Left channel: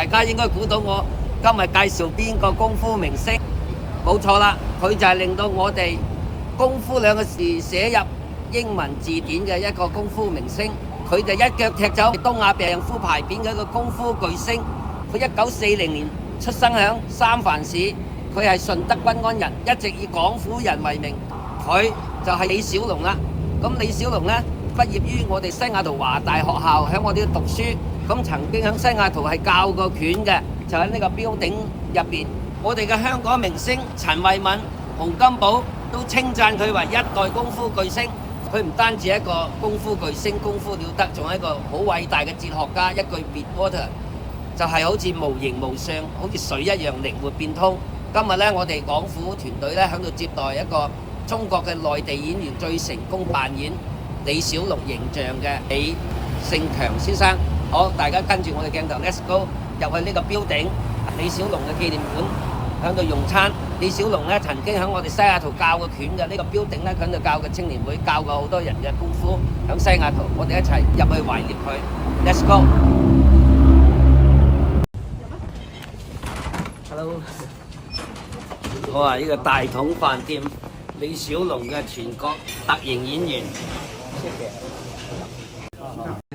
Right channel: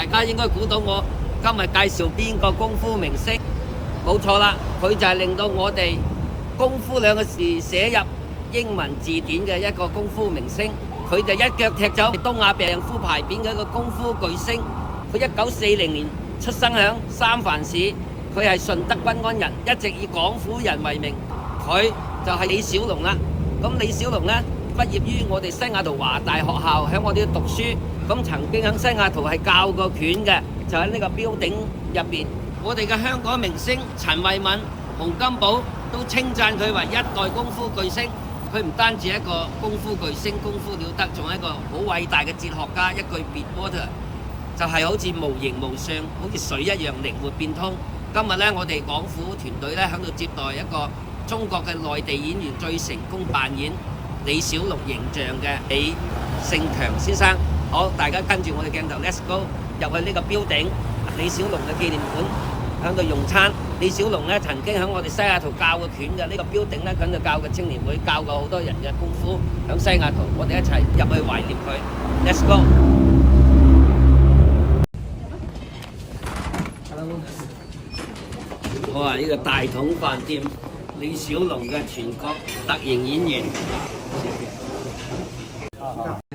大家應該估到我今日介紹邊個功夫明星？冇錯啦，佢就係令到我哋功夫兩個字寫入英文字典嘅一個功夫明星。佢就一腳踢走東亞病夫牌匾嘅一個功夫巨星。佢1940年出生響三藩市，佢係順德均安人，一直以廣府人為名。佢就係李小龍啦。咁李小龍呢，畢業於我哋西雅圖華大學校，喺我哋度讀書。咁曾經喺西雅圖係教過拳嘅，就喺呢個標頂入邊。我哋嘅香港明星陳慧敏、洪金寶都稱讚佢為一代功夫巨星。佢唔單止係一個功夫巨星，功夫了得，仲係一個好偉大嘅哲學家。一句 Be Water 就係好似無形無相，好似水一樣靈活變通。今日咧，我哋廣府團隊咧喺度接待一個中國嘅內地演員，最成功扮演李小龍形象嘅李勝強先生。好，大家跟住我哋鏡頭 ，Let's go 入去呢個標頂李小龍嘅紀念館，喺度用餐。李小龍咧曾經喺我哋西雅圖教過拳嘅呢個標頂咧，喺度教嘅青年會，教過好多人嘅功夫。喺西雅圖，我哋一齊入去懷念佢。Let's go。Hello。好啊！呢個大統飯店，李小龍嘅全國特型演員。謝謝。